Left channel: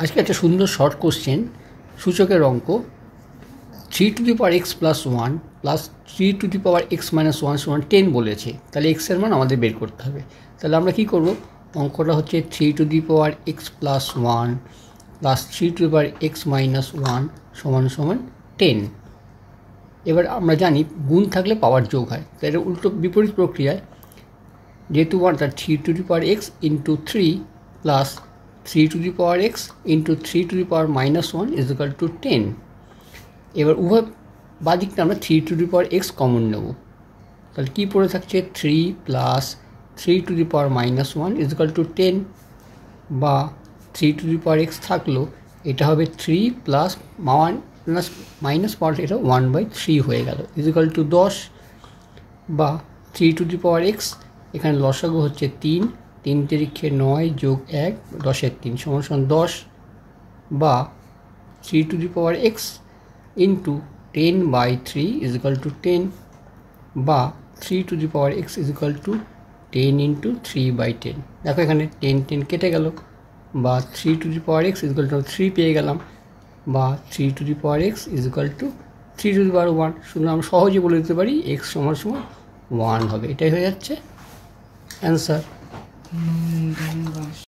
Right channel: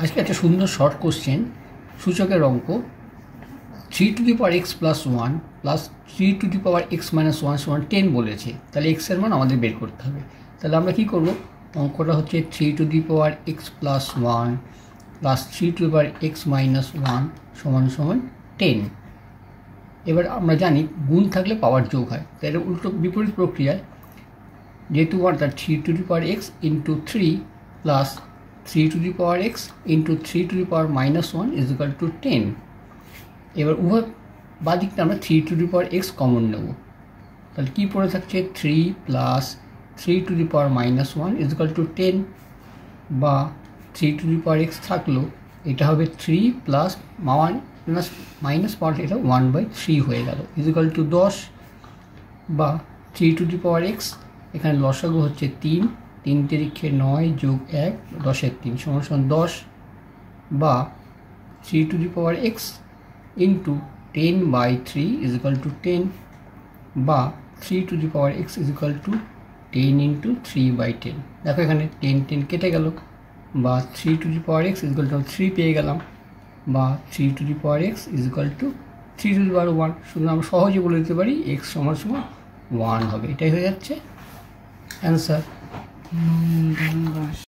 আজকে একটা সুন্দর শর্ট কোশ্চেন, সূচকের অঙ্ক 3x + 1 + 3x - 1 = 10 বলেছে। তাহলে x এর মান আমাদের বের করতে হবে। তাহলে আমরা কি করব, অঙ্কটা হচ্ছে 3x + 1 + 3x - 1 = 10। এবার আমরা জানি গুণ থাকলে পাওয়ার যোগ হয়, তাই এর উল্টো বিপরীত প্রক্রিয়ায় যেহেতু 3x × 3 + 3x × 3 - 1 = 10। এবার উভয় বাদিকটা আমরা 3x কমন নেব। তাহলে কি পড়ে থাকছে, 3 + 3 - 1 = 10, বা 3x থাকলো, এটা হবে 3 + মাইনাস পাওয়ার এটা 1/3 হয়ে গেল = 10, বা 3x এখানে লসাগু হচ্ছে 3, 3 তিরিক্ষে 9 + 1 10 3 = 10, বা 3x × 10/3 = 10, বা 3x = 10 × 3/10। দেখো এখানে 10 10 কেটে গেল, বা 3x = 3 পেয়ে গেলাম, বা 3x = 3^1। শুধু আমরা সহজে বলে দিতে পারি x = 1 হবে। এটাই হয়ে যাচ্ছে অ্যান্সার।